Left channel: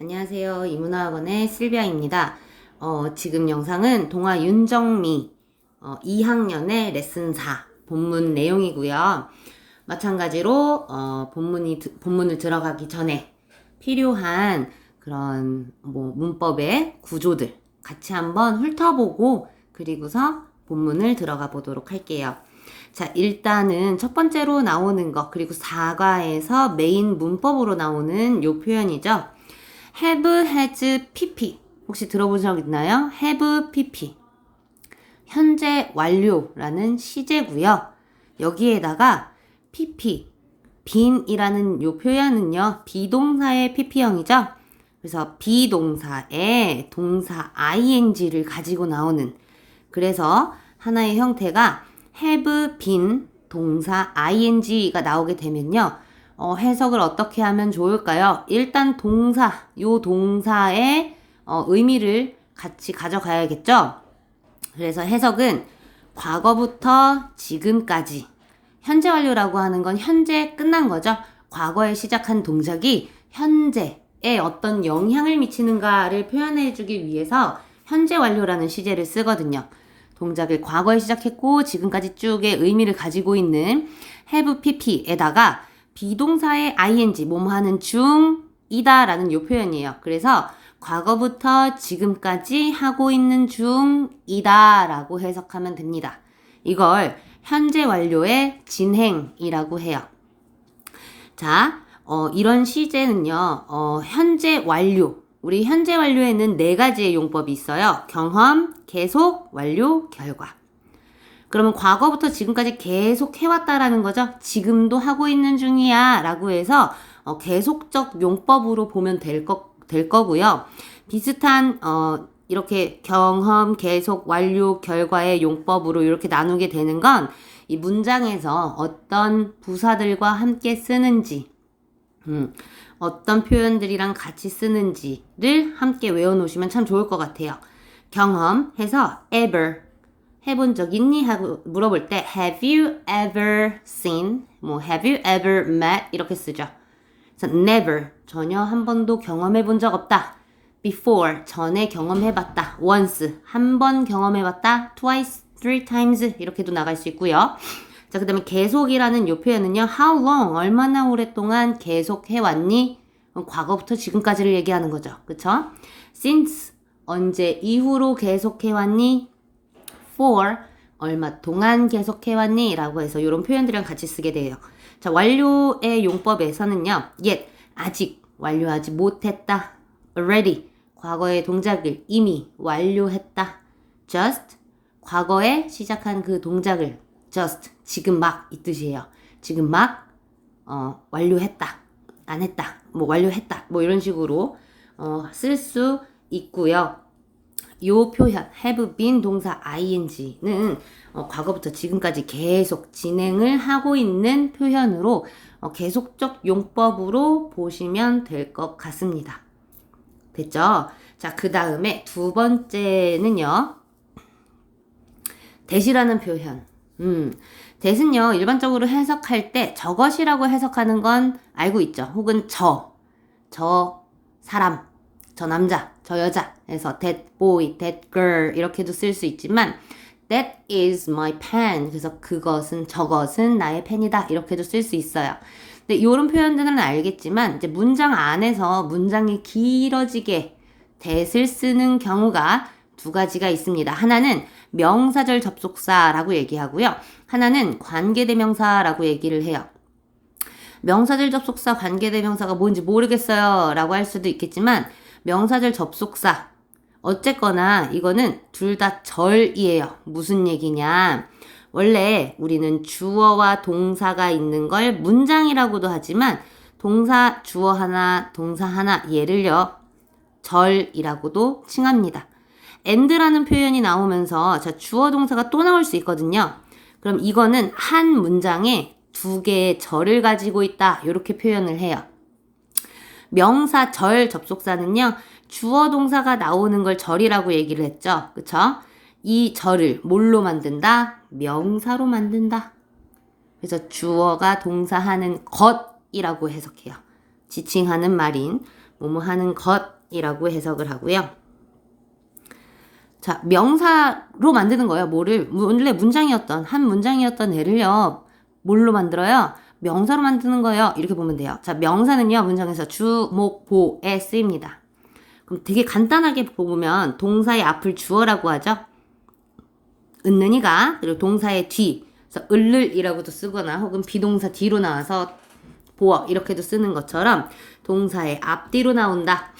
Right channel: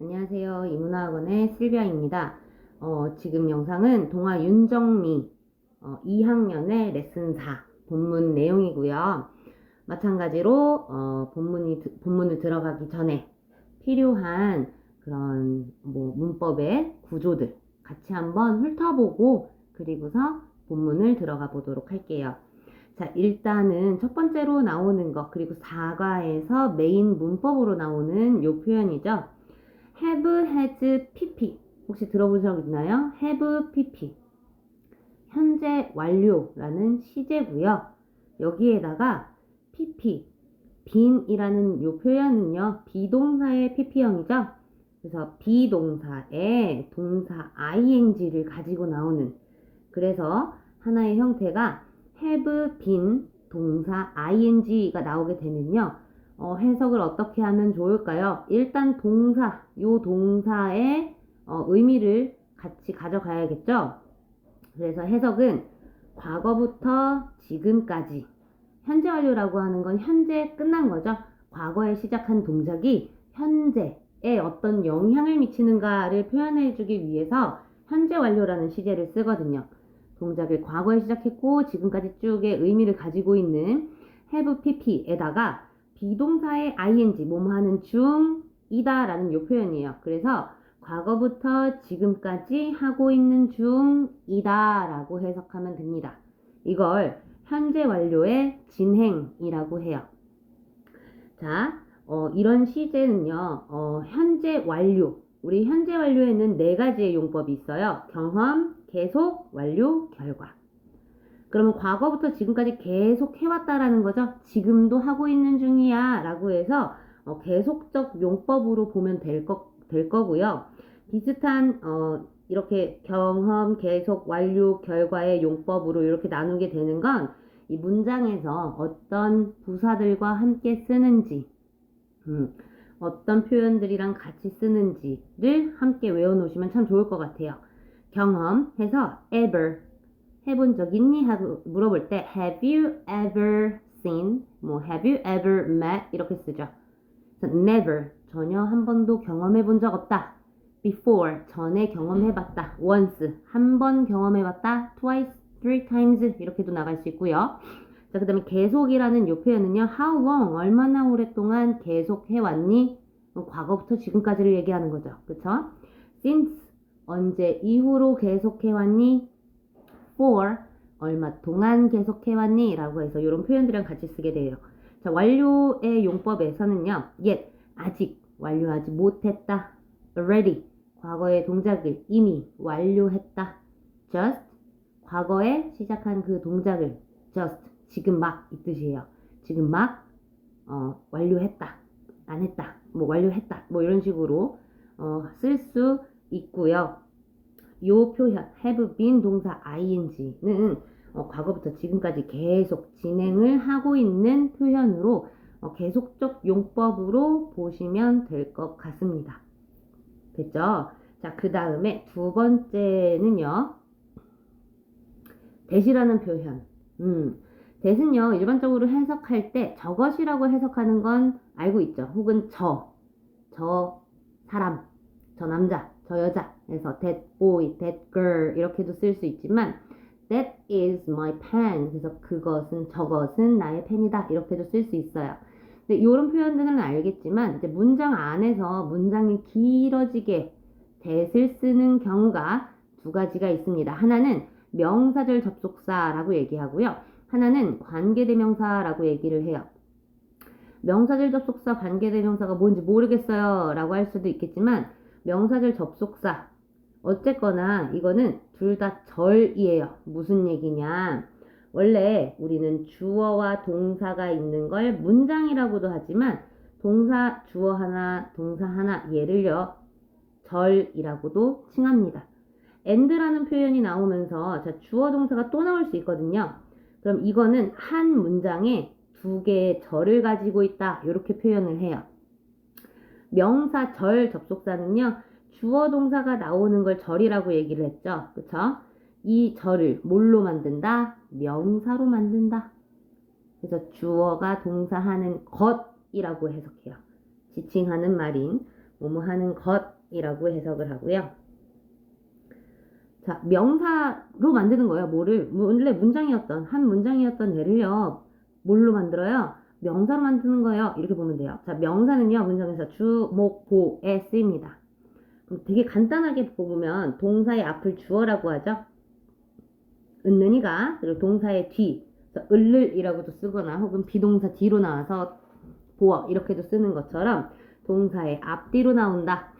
안녕하세요. 이문화학원의 실비아입니다. 지금 영상은 동화 윤정미 2학년의 레슨 4 본문 내용이고요. 마찬가지로 본문을 들어가기 전에 필요한 그런 문법의 구조들 같이 한번 훑어보고 그리고서 본문을 들어가 보도록 할게요. 자, 일단은 첫 번째로 나오는 거 그리고 4과에서 메인 문법으로 나오는 요 표현이죠. have, has, pp. 혹시 들어본 적 있나요? have, pp. 현재 완료라는 시제고요. 여기에다가 pp, been이라는 요 표현은요. 비동사의 pp형이죠. 그래서 비동사의 동사 ing를 가지고 나오는 그래서 하나의 형태가 have been 동사 ing가 나오게 되면요. 해석을 어떻게 하면 좋을까요? 일단 요 동사의 의미를 같이 가져가야겠죠? 그래서 해석은 과거부터 지금까지 현재 완료라고 하는 건 현재 끝난 거죠. 과거에 시작한 동작이 현재에 어떤 영향을 미치는가를 표현해 주기 위해서 현재 완료라는 시제를 쓰거든요. 동작을 과거에 시작했고 지금까지 쭉의 의미를 가지고 있는 have pp에다가 비동사의 ing, 뭐뭐 하는 중이다 라는 요 표현이에요. 그래서 과거부터 지금까지 하고 있는 중이다 라고 해석하면 됩니다. 이걸 현재 완료의 진행이라고 해요. 자, 이런 시제는요, 현재 완료. 우리 현재 완료에는 4가지의 용법이 있어요. 경험, 계속, 완료, 결과. 그러면 과거부터 지금까지 계속 해왔다라는 거죠. 지금도 하고 있는 중이야 라고 해서 계속적 용법으로 보면 될 거고요. 비슷한 이렇게 경험, 계속, 완료, 결과의 용법으로 이렇게 나누게 되는 건 이 문장에서 어떤 부사들과 함께 쓰는지 어떤 표현들이랑 같이 쓰는지를 함께 외워놓으시면 참 좋을 것 같아요. 경험해서 ever 해본 적 있니? 하고 물어볼 때 have you ever seen? have you ever met? 이렇게 쓰죠. 그래서 never 전혀 한 번도 경험해 본 적 없다. before 전에 경험해봤다. once 한 번 경험해봤다. twice, three times 이렇게도 나갈 수 있고요. 자, 그 다음에 계속이라는 요 표현은요. how long 얼마나 오랫동안 계속해왔니? 과거부터 지금까지를 얘기하는 거죠. 그쵸? since 언제 이후로 계속해왔니? for 얼마 동안 계속해왔니? 라고 해서 이런 표현들이랑 같이 쓰게 돼요. 자, 완료의 용법에서는요. yet 아직 완료하지 못했다. already 과거의 동작을 이미 완료했다. just 과거에 시작한 그 동작을 just 지금 막 이 뜻이에요. 지금 막 완료했다. 안 했다. 완료했다. 이런 식으로 쓸 수 있고요. 요 표현 have been 동사 ing는 과거부터 지금까지 계속 진행을 하고 있는 표현으로 계속적 용법으로 보시면 될 것 같습니다. 됐죠? 자, 그 다음에 두 번째는요. that이라는 표현. that은요. 일반적으로 해석할 때 저것이라고 해석하는 건 알고 있죠. 혹은 저 사람, 저 남자, 저 여자 해서 that boy, that girl 이렇게도 쓸 수 있지만 that is my pen 그래서 그것은 저것은 나의 펜이다 이렇게도 쓸 수 있어요. 근데 이런 표현들은 알겠지만 이제 문장 안에서 문장이 길어지게 that을 쓰는 경우가 두 가지가 있습니다. 하나는 명사절 접속사라고 얘기하고요. 하나는 관계대명사라고 얘기를 해요. 명사절 접속사, 관계대명사가 뭔지 모르겠어요 라고 할 수도 있겠지만 명사절 접속사 어쨌거나 이거는 둘 다 절이에요. 무슨 얘기냐? 원래 우리는 주어와 동사가 있는 걸 문장이라고도 하지만 동사 주어 하나 동사 하나 얘를요 절이라고도 칭합니다. and라는 표현이 나오면서 자, 주어 동사가 또 나올 수 있거든요. 그럼 이거는 한 문장에 두 개의 절을 가지고 있다 이렇게 표현을 해요. 명사 절 접속사는요. 주어 동사가 나오는 걸 절이라고 얘기를 했죠. 그쵸? 이 절을 뭘로 만든다? 명사로 만든다. 그래서 주어가 동사하는 것이라고 해석해요. 지칭하는 말인 뭐뭐 하는 것이라고 해석을 하고요. 자, 명사로 만드는 거예요. 뭐를 원래 문장이었던 한 문장이었던 애를요. 뭘로 만들어요? 명사로 만드는 거예요. 이렇게 보면 돼요. 자, 명사는요. 문장에서 주, 목, 보에 쓰입니다. 그럼 되게 간단하게 보면 동사의 앞을 주어라고 하죠. 은는이가 그리고 동사의 뒤, 그래서 을을이라고도 쓰거나 혹은 비동사 뒤로 나와서 보어 이렇게도 쓰는 것처럼 동사의 앞뒤로 나온다.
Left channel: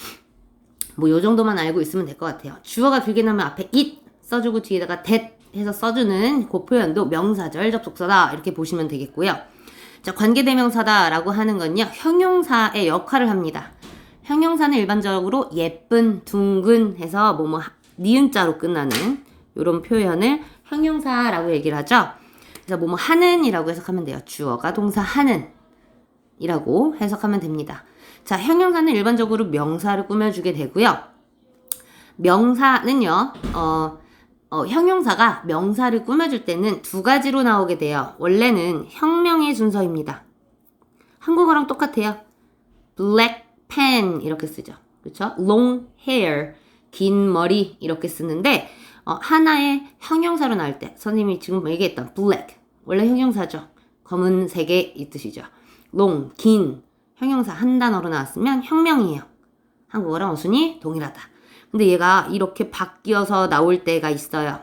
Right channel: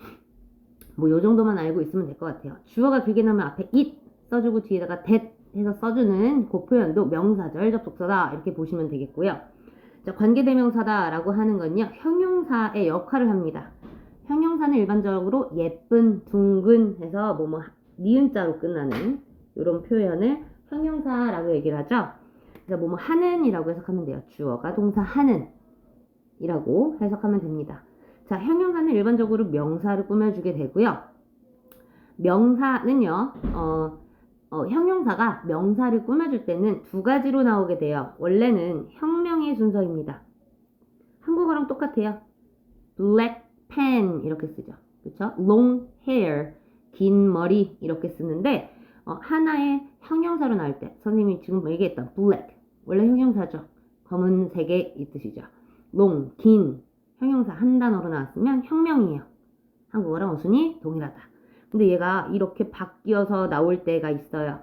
뭐 요 정도만 알고 있으면 될 것 같아요. 주어가 길게 나오면 앞에 it 써주고 뒤에다가 that 해서 써주는 그 표현도 명사절 접속사다 이렇게 보시면 되겠고요. 자, 관계대명사다라고 하는 건요. 형용사의 역할을 합니다. 형용사는 일반적으로 예쁜, 둥근 해서 뭐뭐 니은자로 끝나는 이런 표현을 형용사라고 얘기를 하죠. 그래서 뭐뭐 하는 이라고 해석하면 돼요. 주어가 동사 하는 이라고 해석하면 됩니다. 자, 형용사는 일반적으로 명사를 꾸며주게 되고요. 명사는요, 형용사가 명사를 꾸며줄 때는 두 가지로 나오게 돼요. 원래는 혁명의 순서입니다. 한국어랑 똑같아요. black pen 이렇게 쓰죠. 그렇죠? long hair 긴 머리 이렇게 쓰는데 하나의 형용사로 나올 때 선생님이 지금 얘기했던 black 원래 형용사죠. 검은색의 이 뜻이죠. long 긴 형용사 한 단어로 나왔으면 혁명이에요. 한국어랑 어순이 동일하다. 근데 얘가 이렇게 바뀌어서 나올 때가 있어요.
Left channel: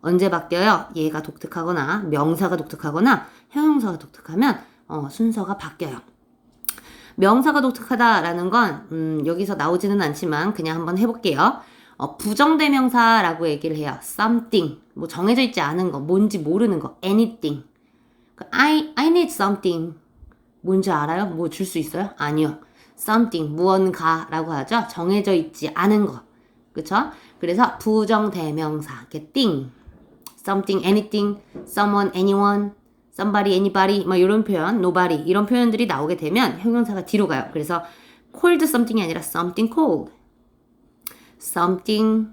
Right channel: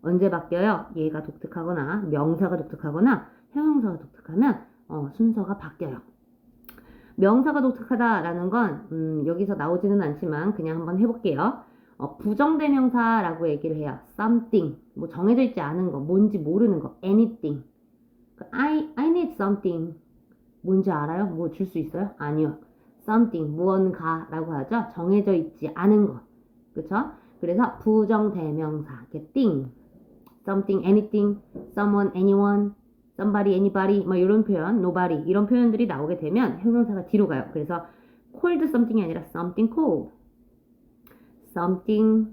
언제 바뀌어요? 얘가 독특하거나 명사가 독특하거나 형용사가 독특하면 순서가 바뀌어요. 명사가 독특하다라는 건 여기서 나오지는 않지만 그냥 한번 해볼게요. 부정대명사라고 얘기를 해요. something 뭐 정해져 있지 않은 거 뭔지 모르는 거 anything I need something 뭔지 알아요? 뭐 줄 수 있어요? 아니요. something 무언가라고 하죠. 정해져 있지 않은 거. 그쵸? 그래서 부정대명사 thing, something, anything, someone, anyone, somebody, anybody 뭐 이런 표현, nobody 이런 표현들이 나오게 되면 형용사가 뒤로 가요. 그래서 cold something이 아니라 something cold, something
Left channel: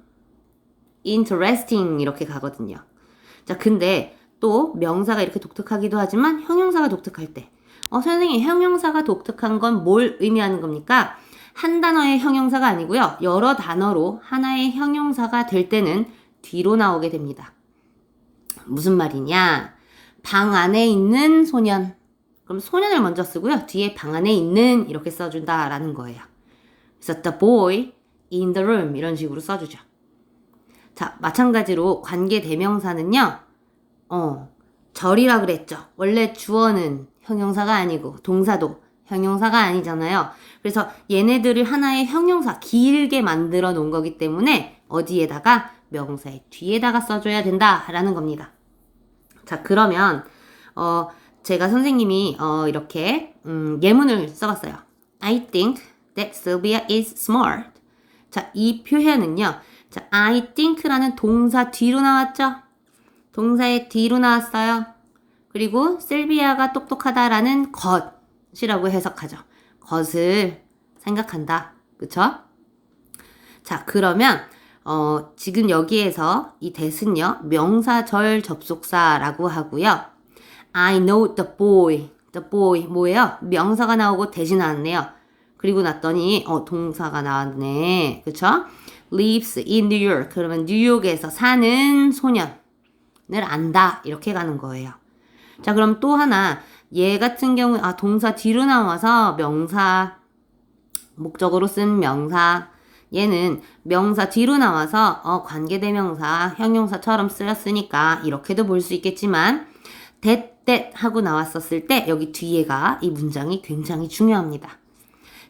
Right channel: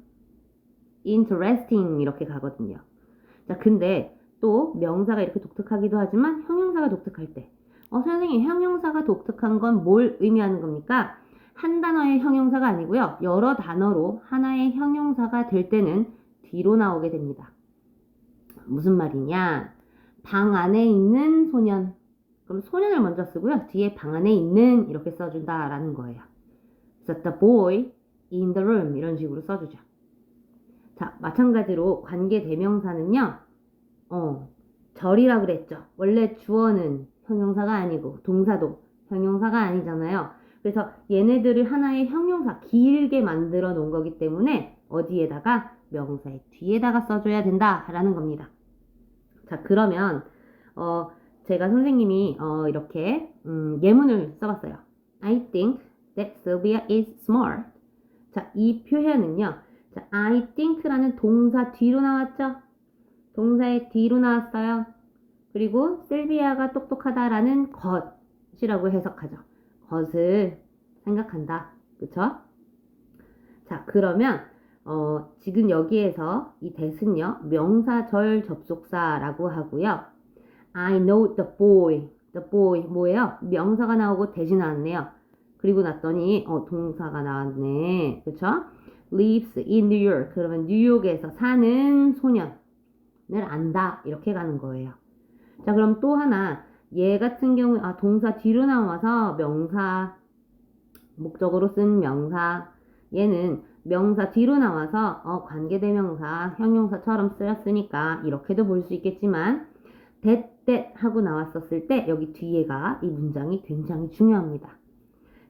interesting 이렇게 가거든요. 자, 근데 또 명사가 이렇게 독특하기도 하지만 형용사가 독특할 때 선생님 형용사가 독특한 건 뭘 의미하는 겁니까? 한 단어의 형용사가 아니고요. 여러 단어로 하나의 형용사가 될 때는 뒤로 나오게 됩니다. 무슨 말이냐? 방 안에 있는 소년. 그럼 소년을 먼저 쓰고요. 뒤에 방 안에 있는 이렇게 써준다라는 거예요. 그래서 the boy in the room 이런 식으로 써주죠. 자, 마찬가지로 관계대명사는요. 절이라 그랬죠. 원래 주어는 형용사가 아니고 동사도 형용사가 아니잖아요. 그래서 얘네들을 하나의 형용사 길게 만들어 놓은 거기 때문에 어디에다가 명사의 뒤에다가 써줘야 된다라는 겁니다. 자, 그러면 제가 선생님이 이렇게 예문을 써봤어요. I think that Sylvia is smart. 자, 이 표현은요. 자, I think라는 동사 뒤로 나왔죠? 동사의 뒤로 나왔어요. 그리고 실비아가 똑똑하다라는 것이라고 해석하죠. 것을 생각한다. 그쵸? 자, 그러면 지금 여기에서 이 that은요. 명사절 접속사라고 하고요. I know the boy. The boy 뭐예요? 명사가 나오고 that이 나왔네요. 그리고 났더니 동사가 나왔네. 그쵸? lives in New York. 그러면 뉴욕에서 사는 소년을 안다. 이렇게 가는 거예요. 자, 그럼 또 하나 얘 같은 경우 동사 뒤로 나와서 명사 목적으로 쓴 명사 얘는 명사 뒤로 나와서 관계대명사 형용사처럼 쓰였으니까 이렇게도 볼 수 있겠지만 that 하고 나왔었을 때 여기 뒤에가 이 문장이 굉장히 중요합니다.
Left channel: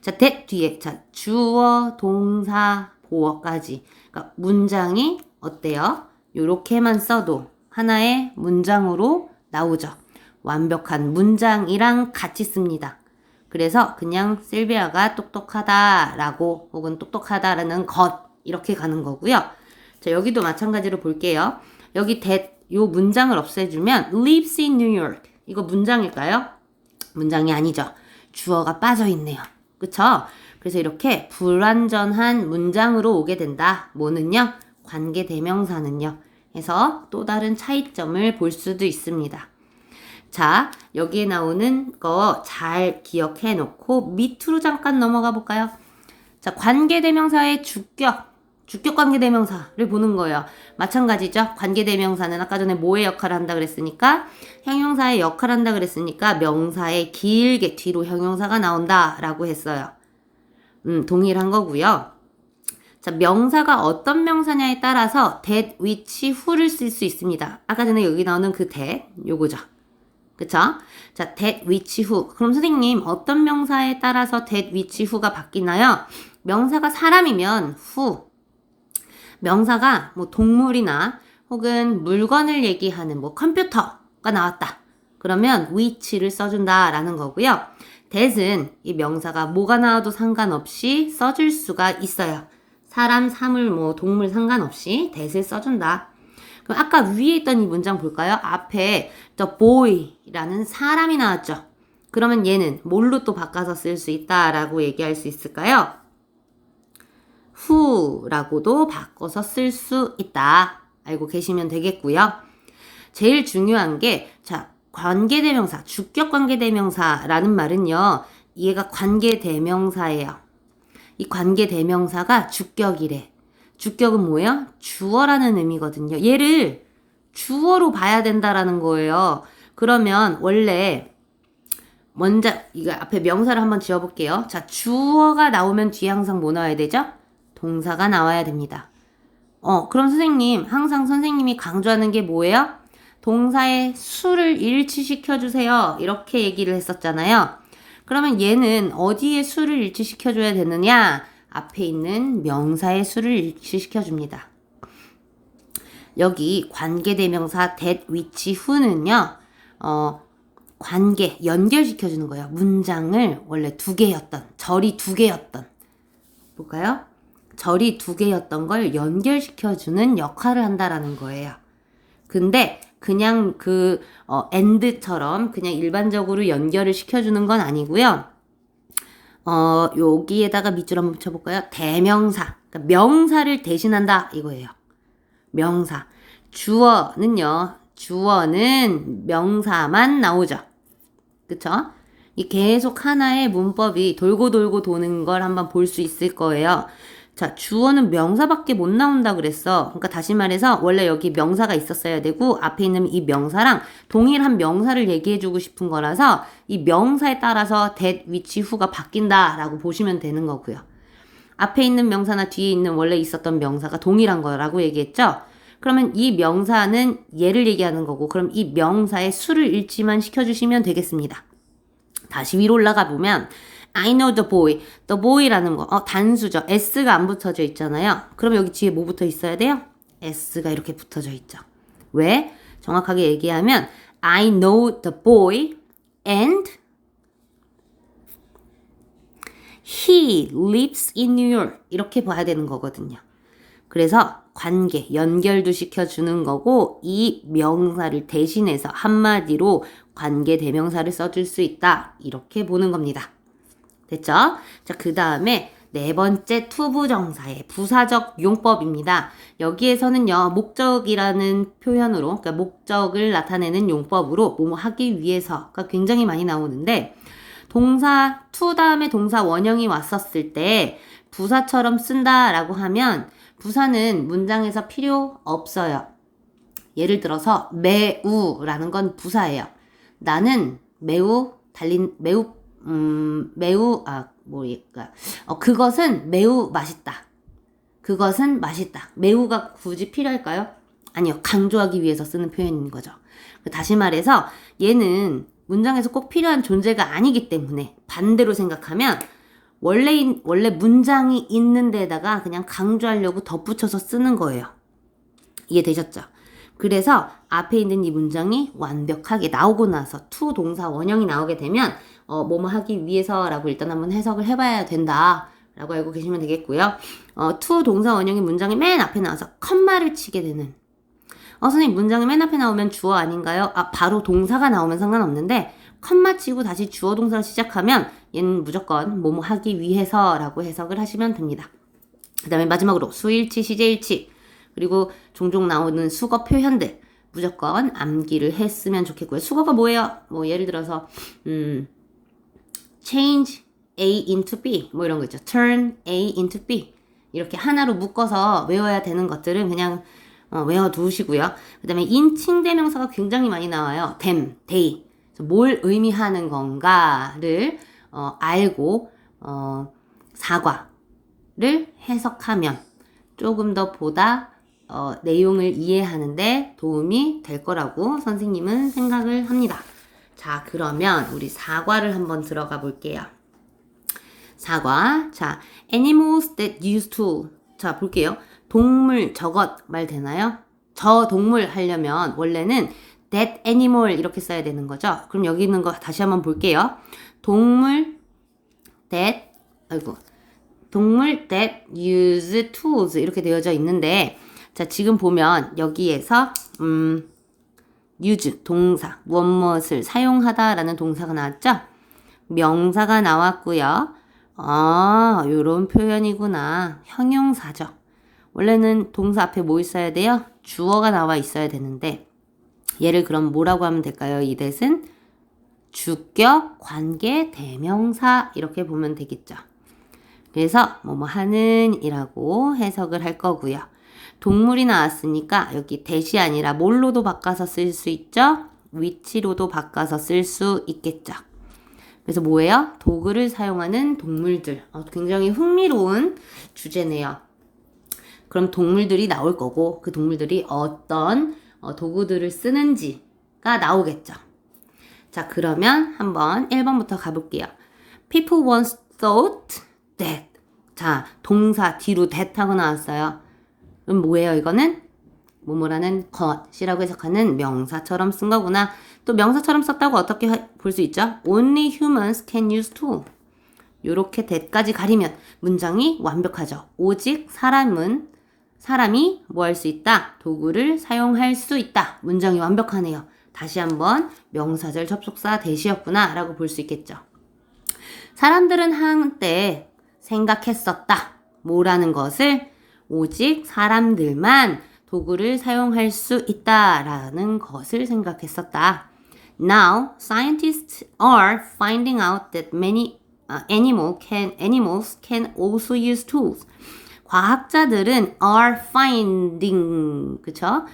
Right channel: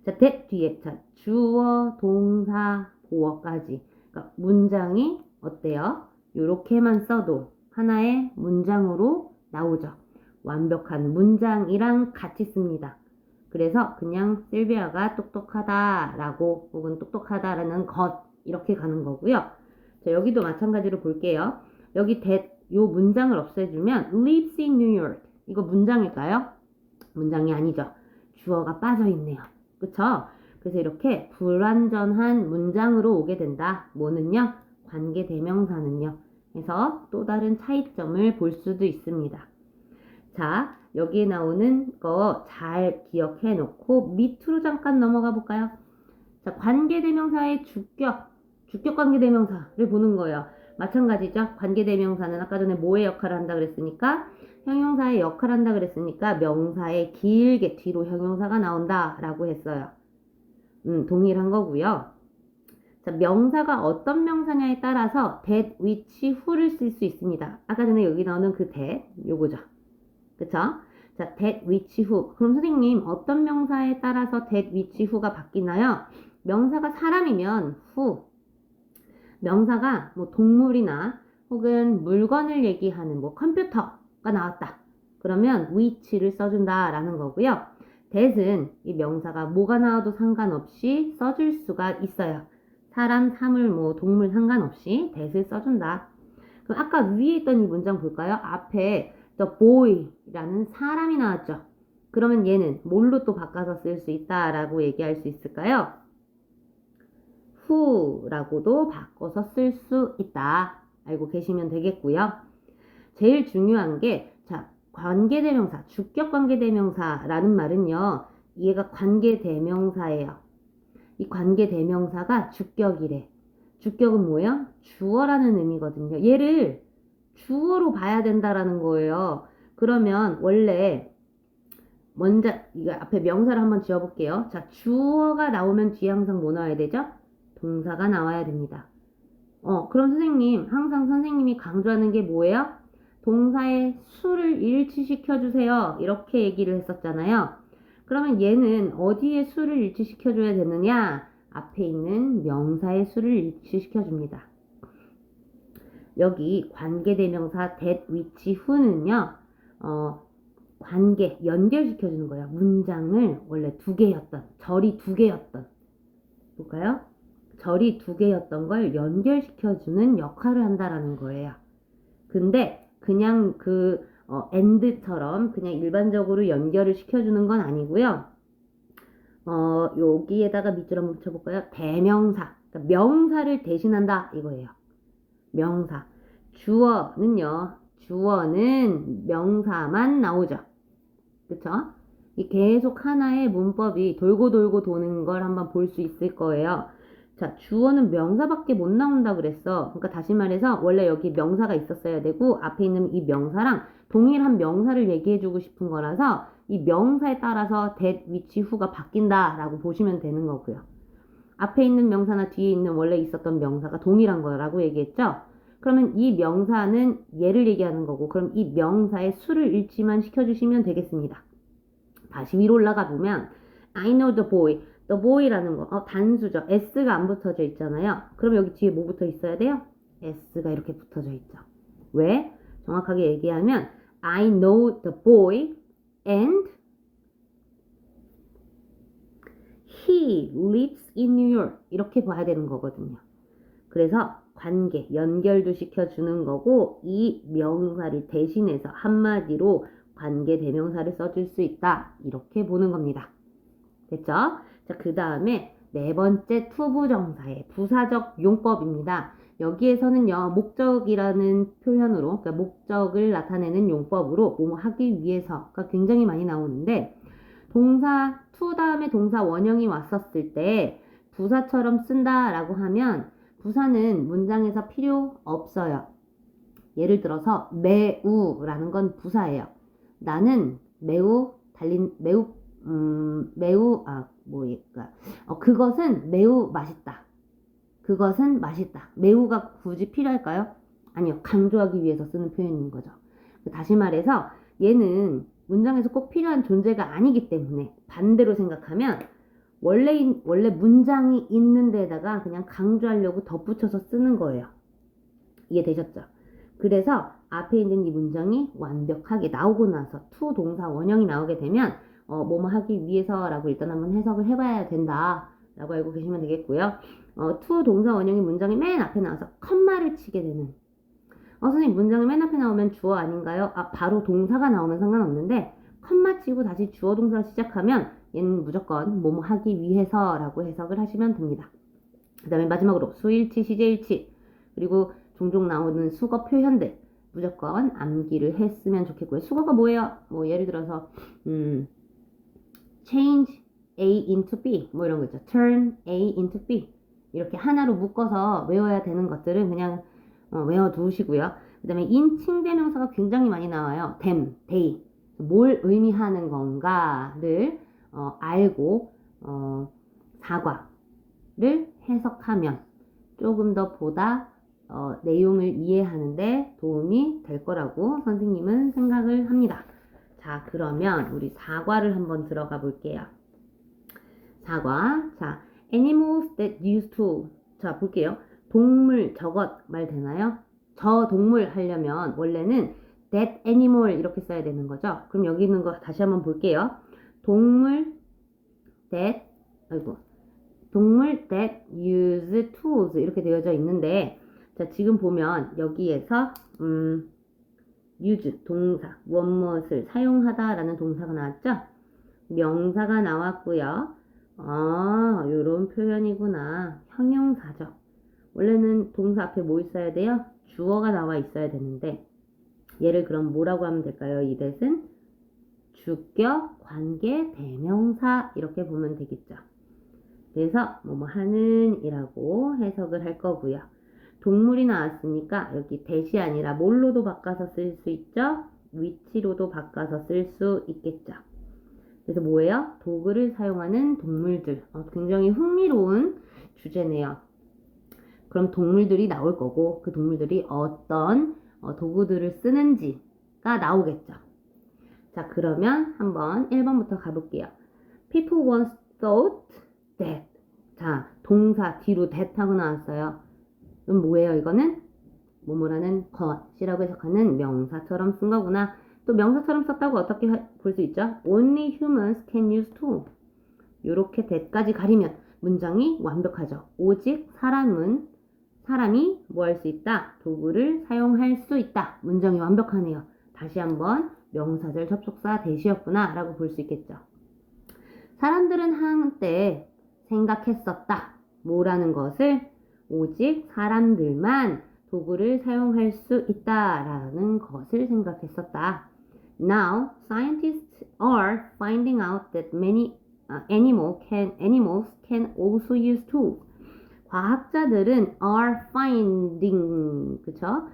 자, that 뒤에 자 주어 동사 보어까지 그러니까 문장이 어때요? 요렇게만 써도 하나의 문장으로 나오죠. 완벽한 문장이랑 같이 씁니다. 그래서 그냥 실비아가 똑똑하다라고 혹은 똑똑하다라는 것 이렇게 가는 거고요. 자, 여기도 마찬가지로 볼게요. 여기 that 요 문장을 없애주면 lives in New York 이거 문장일까요? 문장이 아니죠. 주어가 빠져있네요. 그쵸? 그래서 이렇게 불완전한 문장으로 오게 된다. 뭐는요? 관계대명사는요. 해서 또 다른 차이점을 볼 수도 있습니다. 자, 여기에 나오는 거 잘 기억해 놓고 밑으로 잠깐 넘어가 볼까요? 자, 관계대명사의 주격 관계대명사를 보는 거예요. 마찬가지죠. 관계대명사는 아까 전에 뭐의 역할을 한다 그랬으니까 형용사의 역할을 한다 그랬으니까 명사에 길게 뒤로 형용사가 나온다라고 했어요. 동일한 거고요. 자, 명사가 어떤 명사냐에 따라서 that, which, who를 쓸 수 있습니다. 아까 전에 여기 나오는 그 that, 요거죠. 그쵸? 자, that, which, who. 그럼 선생님, 어떤 명사에 따라서 that, which, who가 바뀌나요? 명사가 사람이면 who. 명사가 뭐 동물이나 혹은 물건을 얘기하는 뭐 컴퓨터가 나왔다. 그러면 which를 써준다라는 거고요. that은 이 명사가 뭐가 나와도 상관없이 써줄 수가 있어요. 사람, 사물, 뭐 동물 상관없이 that을 써준다. 그럼 아까 위에 있던 이 문장 볼까요? 앞에 the boy라는 사람이 나왔죠. 그러면 얘는 뭘로 또 바꿔서 쓸 수 있다라고 얘기할 수 있을까요? who라고도 바꿔서 쓸 수 있다. 알고 계시면 되겠고요. 제일 중요한 게 자, 관계대명사, 주격 관계대명사라는 말은요. 얘가 관계대명사예요. 이 관계대명사가 주격이래. 주격은 뭐예요? 주어라는 의미거든요. 얘를 주어로 봐야 된다라는 거예요. 그러면 원래 먼저 이거 앞에 명사를 한번 지어볼게요. 자, 주어가 나오면 뒤에 항상 뭐 나와야 되죠? 동사가 나와야 됩니다. 그럼 선생님, 항상 선생님이 강조하는 게 뭐예요? 동사의 수를 일치시켜주세요. 이렇게 얘기를 했었잖아요. 그러면 얘는 어디에 수를 일치시켜줘야 되느냐? 앞에 있는 명사의 수를 일치시켜줍니다. 여기 관계대명사 that, which, who는요. 관계, 연결시켜주는 거예요. 문장을 원래 두 개였던, 절이 두 개였던. 볼까요? 절이 두 개였던 걸 연결시켜주는 역할을 한다라는 거예요. 근데 그냥 and처럼 그냥 일반적으로 연결을 시켜주는 건 아니고요. 여기에다가 밑줄 한번 붙여볼까요? 대명사. 그러니까 명사를 대신한다 이거예요. 명사. 주어는 명사만 나오죠. 그쵸? 이 계속 하나의 문법이 돌고 돌고 도는 걸 한번 볼 수 있을 거예요. 자, 주어는 명사밖에 못 나온다 그랬어. 그러니까 다시 말해서 원래 여기 명사가 있었어야 되고 앞에 있는 이 명사랑 동일한 명사를 얘기해주고 싶은 거라서 이 명사에 따라서 that, which, who가 바뀐다라고 보시면 되는 거고요. 앞에 있는 명사나 뒤에 있는 원래 있었던 명사가 동일한 거라고 얘기했죠. 그러면 이 명사는 얘를 얘기하는 거고 그럼 이 명사의 수를 일치만 시켜주시면 되겠습니다. 다시 위로 올라가 보면 I know the boy. the boy라는 거 단수죠. s가 안 붙어져 있잖아요. 그러면 여기 뒤에 뭐 붙어 있어야 돼요? s가 이렇게 붙어져 있죠. 왜? 정확하게 얘기하면 I know the boy and he lives in New York. 이렇게 봐야 되는 거거든요. 그래서 관계, 연결도 시켜주는 거고 이 명사를 대신해서 한마디로 관계 대명사를 써줄 수 있다. 이렇게 보는 겁니다. 됐죠? 자, 그 다음에 네 번째 투부정사의 부사적 용법입니다. 여기에서는요, 목적이라는 표현으로, 그러니까 목적을 나타내는 용법으로 뭐뭐 하기 위해서가 굉장히 많이 나오는데 동사 to 다음에 동사 원형이 왔었을 때 부사처럼 쓴다라고 하면 부사는 문장에서 필요 없어요. 예를 들어서 매우라는 건 부사예요. 나는 그것은 매우 맛있다. 그것은 맛있다. 매우가 굳이 필요할까요? 아니요. 강조하기 위해서 쓰는 표현인 거죠. 다시 말해서 얘는 문장에서 꼭 필요한 존재가 아니기 때문에 반대로 생각하면 원래 문장이 있는 데다가 그냥 강조하려고 덧붙여서 쓰는 거예요. 이해되셨죠? 그래서 앞에 있는 이 문장이 완벽하게 나오고 나서 to 동사 원형이 나오게 되면 뭐뭐 하기 위해서라고 일단 한번 해석을 해봐야 된다 라고 알고 계시면 되겠고요. to 동사 원형이 문장이 맨 앞에 나와서 컴마를 치게 되는 선생님 문장이 맨 앞에 나오면 주어 아닌가요? 바로 동사가 나오면 상관없는데 컴마 치고 다시 주어 동사를 시작하면 얘는 무조건 뭐뭐 하기 위해서라고 해석을 하시면 됩니다. 그 다음에 마지막으로 수일치, 시제일치 그리고 종종 나오는 수거 표현들 무조건 암기를 했으면 좋겠고요. 수거가 뭐예요? 뭐 예를 들어서 change A into B 뭐 이런 거 있죠. turn A into B 이렇게 하나로 묶어서 외워야 되는 것들은 그냥 외워두시고요. 그 다음에 인칭대명사가 굉장히 많이 나와요. them, they 뭘 의미하는 건가를 알고 사과를 해석하면 조금 더 보다 내용을 이해하는데 도움이 될 거라고 선생님은 생각을 합니다. 자, 그러면 우리 사과를 한번 들어가 볼게요. 사과. 자, animals that use tool. 자, 볼게요. 동물 저것 말 되나요? 저 동물 하려면 원래는 that animal 이렇게 써야 되는 거죠. 그럼 여기 있는 거 다시 한번 볼게요. 동물 that use tools 이렇게 되어져 있는데 자, 지금 보면 여기에서 use 동사 무엇을 사용하다라는 동사가 나왔죠? 명사가 나왔고요. 요런 표현이구나. 형용사죠. 원래는 동사 앞에 뭐 있어야 돼요? 주어가 나와 있어야 되는데 얘를 그럼 뭐라고 하면 될까요? 이 that은 주격, 관계, 대명사 이렇게 보면 되겠죠. 그래서 뭐뭐 하는 이라고 해석을 할 거고요. 동물이 나왔으니까 여기 that이 아니라 뭘로도 바꿔서 쓸 수 있죠? 위치로도 바꿔서 쓸 수 있겠죠. 그래서 뭐예요? 도구를 사용하는 동물들. 굉장히 흥미로운 주제네요. 그럼 동물들이 나올 거고 그 동물들이 어떤 도구들을 쓰는지가 나오겠죠. 자, 그러면 한번 1번부터 가볼게요. People once thought that. 자, 동사 뒤로 that 하고 나왔어요. 그럼 뭐예요? 이거는 뭐뭐라는 것이라고 해석하는 명사처럼 쓴 거구나. 또 명사처럼 썼다고 어떻게 볼 수 있죠? Only humans can use tool. 요렇게 that까지 가리면 문장이 완벽하죠. 오직 사람이 뭐 할 수 있다? 도구를 사용할 수 있다. 문장이 완벽하네요. 다시 한번 명사절 접속사 that이었구나 라고 볼 수 있겠죠. 사람들은 한때 생각했었다. 뭐라는 것을 오직 사람들만 도구를 사용할 수 있다라는 것을 생각했었다. Now, scientists are finding out that many animals can also use tools. 과학자들은 are finding, 그쵸?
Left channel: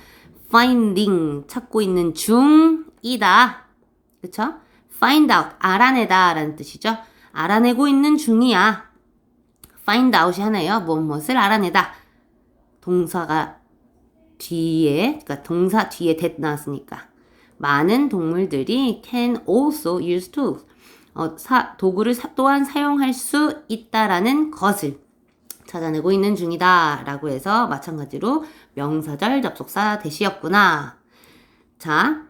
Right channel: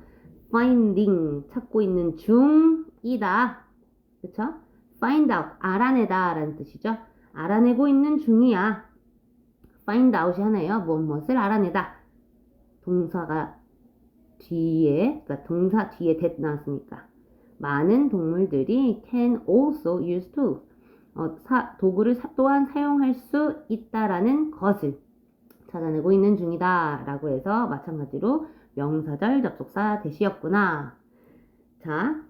finding, 찾고 있는 중이다. 그쵸? find out, 알아내다 라는 뜻이죠. 알아내고 있는 중이야. find out이 하나예요. 무엇을 알아내다. 동사가 뒤에, 그러니까 동사 뒤에 that 나왔으니까. 많은 동물들이 can also use tools. 도구를 또한 사용할 수 있다라는 것을 찾아내고 있는 중이다 라고 해서 마찬가지로 명사절 접속사 that이었구나. 자,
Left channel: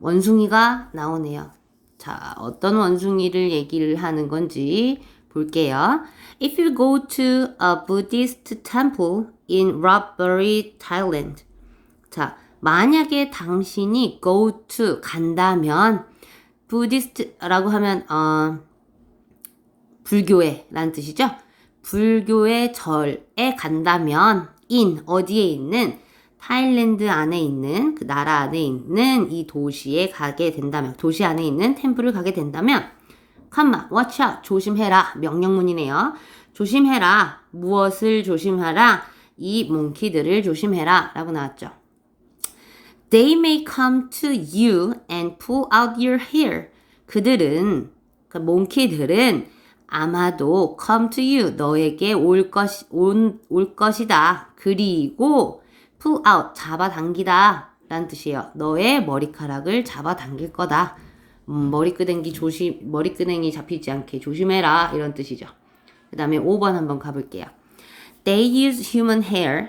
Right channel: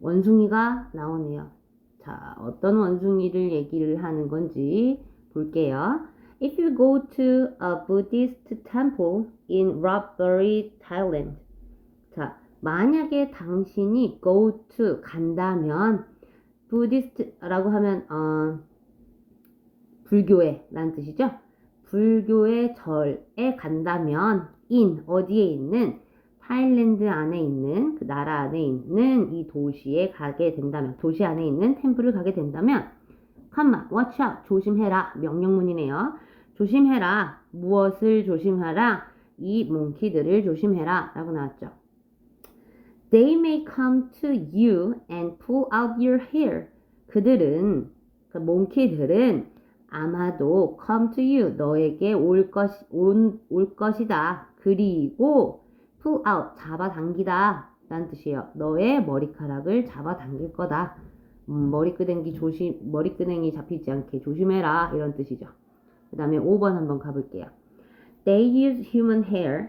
원숭이가 나오네요. 자, 어떤 원숭이를 얘기를 하는 건지 볼게요. If you go to a Buddhist temple in Ratburi, Thailand. 자, 만약에 당신이 go to 간다면 Buddhist라고 하면 불교회라는 뜻이죠. 불교의 절에 간다면 in 어디에 있는 타일랜드 안에 있는 그 나라 안에 있는 이 도시에 가게 된다면 도시 안에 있는 템플을 가게 된다면 컴마 watch out 조심해라 명령문이네요. 조심해라 무엇을 조심하라 이 몽키들을 조심해라 라고 나왔죠. They may come to you and pull out your hair. 그들은 그 몽키들은 아마도 come to you 너에게 올 것이다. 그리고 pull out 잡아당기다 라는 뜻이에요. 너의 머리카락을 잡아당길 거다. 머리끄댕이 잡히지 않게 조심해라 이런 뜻이죠. 그 다음에 5번 한번 가볼게요. They use human hair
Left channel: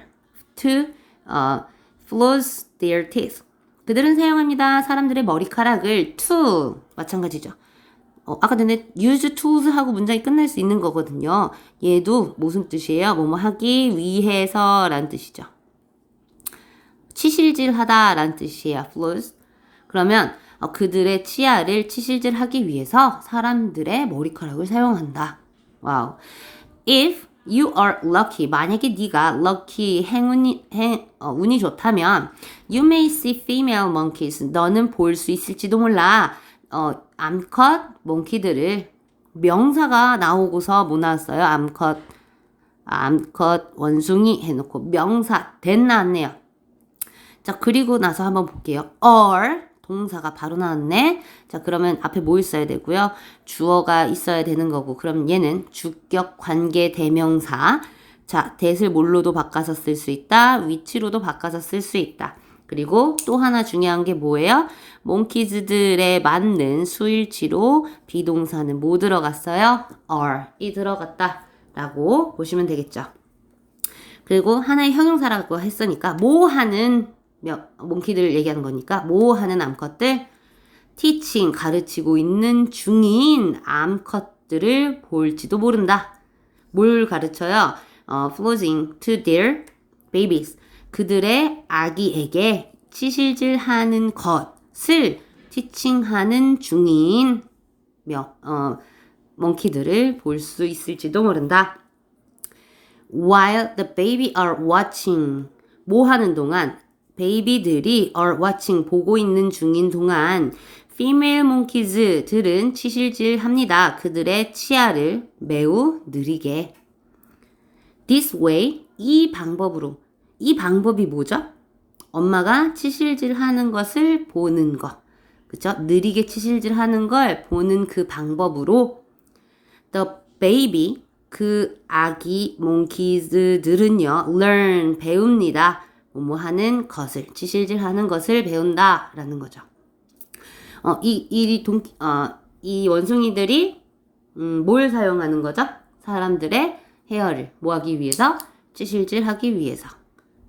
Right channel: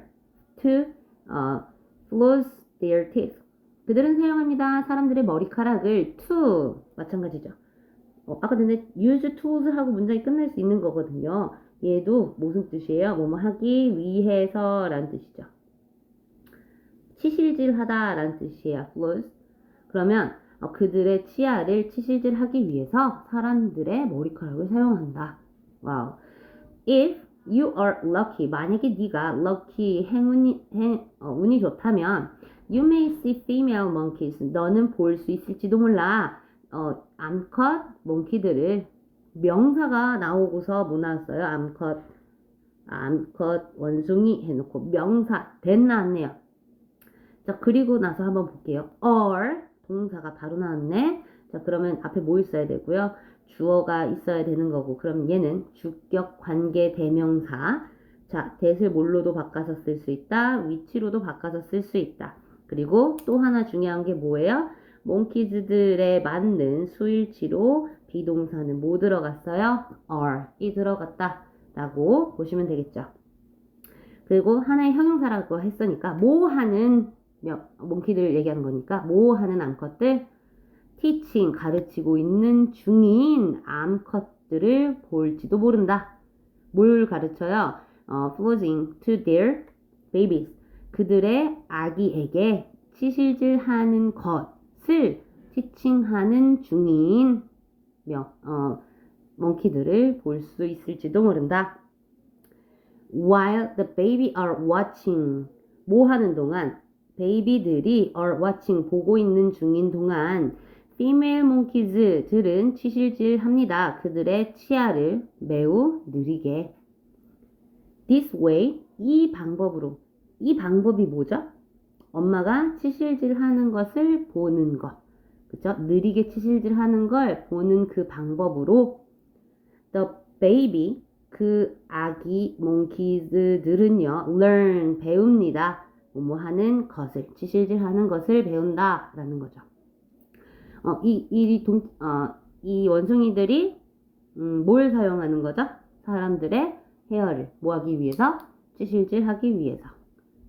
to floss their teeth. 그들은 사용합니다. 사람들의 머리카락을 to 마찬가지죠. 아까 전에 use tools 하고 문장이 끝날 수 있는 거거든요. 얘도 무슨 뜻이에요? 뭐뭐 하기 위해서 라는 뜻이죠. 치실질하다 라는 뜻이에요. floss. 그러면 그들의 치아를 치실질하기 위해서 사람들의 머리카락을 사용한다. 와우. If you are lucky, 만약에 네가 lucky, 운이 좋다면 you may see female monkeys, 너는 볼 수 있을지도 몰라. 암컷 몽키들을 명사가 나오고서 뭐 나왔어요? 암컷 원숭이 해놓고 명사 that 나왔네요. 자, 그리고 나서 한번 볼게요. are 동사가 바로 나왔네. 자, 그러면 앞에 뭐 있어야 되고요? 주어가 있어야 되는 거고, 그럼 얘는 주격 관계 대명사. 자, that을 뭘로도 바꿔서 쓸 수 있다. 위치로도 바꿔서 쓸 수 있다. 그리고 또 하나 중요한 게 뭐예요? 몽키즈들에 맞는 수일치로 비동사는 뭐 들어갔어요? are이 들어갔다 라고 보시면 되겠죠. 그리고 하나의 형용사라고 했으니까 뭐 하는 몽키들을 얘기하는 거니까 뭐 하는 암컷들? teaching 가르치고 있는 중인 암컷들을 볼지도 모른다. 뭘 가르쳐요? flooding to their babies. 그들의 아기에게 치실질하는 것을 티칭하는 중인 몽키들을 볼 수 있을지도 모른다. While the baby are watching. 뭐 하는 동안? 베이비들이 are watching 보고 있는 중인 동안 female monkeys들은 치실질합니다. 그들의 치아를 매우 느리게. This way, 이 방법으로. 이 방법이 뭐죠? 엄마가 치실질하는 것을 보는 거. 그쵸? 느리게 치실질하는 걸 보는 그 방법으로 the baby, 그 아기 몽키즈들은요, learn, 배웁니다. 뭐 하는 것을, 치실질하는 것을 배운다 라는 거죠. 이 원숭이들이 뭘 사용하는 거죠? 사람들의 헤어를 뭐 하기 위해서? 치실질하기 위해서.